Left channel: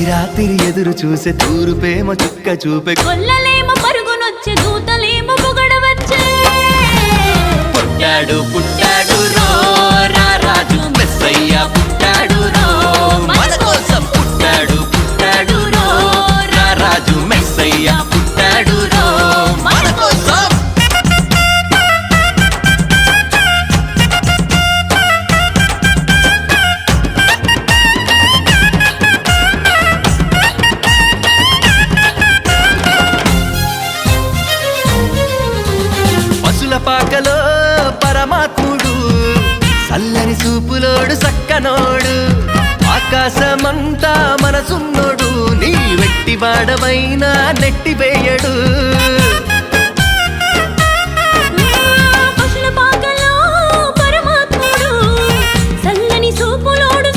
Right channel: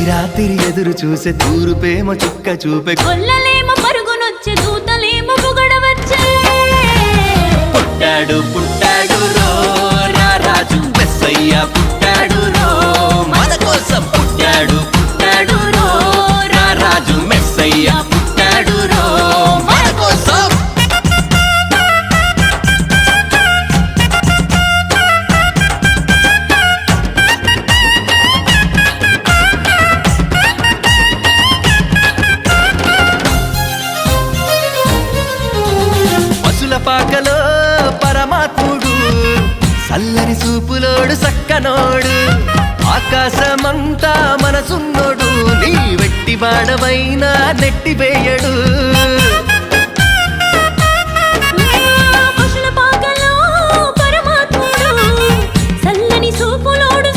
తొలి రాత్రి ఎదురు చూసే తూరుపేమో చుక్క చూపే కొల్లలేమో పరుగునొచ్చే దూతలేమో పొగడవచ్చే పుట్టాడు పుట్టాడు రో రారాజు మెస్సయ్య పుట్టాడు రో మన కోసం పుట్టాడు పుట్టాడు రో రారాజు మెస్సయ్య పుట్టాడు రో మన కోసం పశుల పాకలో పరమాత్ముడు చల్లని చూపులోడు సక్కనోడు ఆకాశమంతా మనసున్నోడు నీ వెట్టి వాడవైనా నెట్టివేయడు పశుల పాకలో పరమాత్ముడు చల్లని చూపులోడు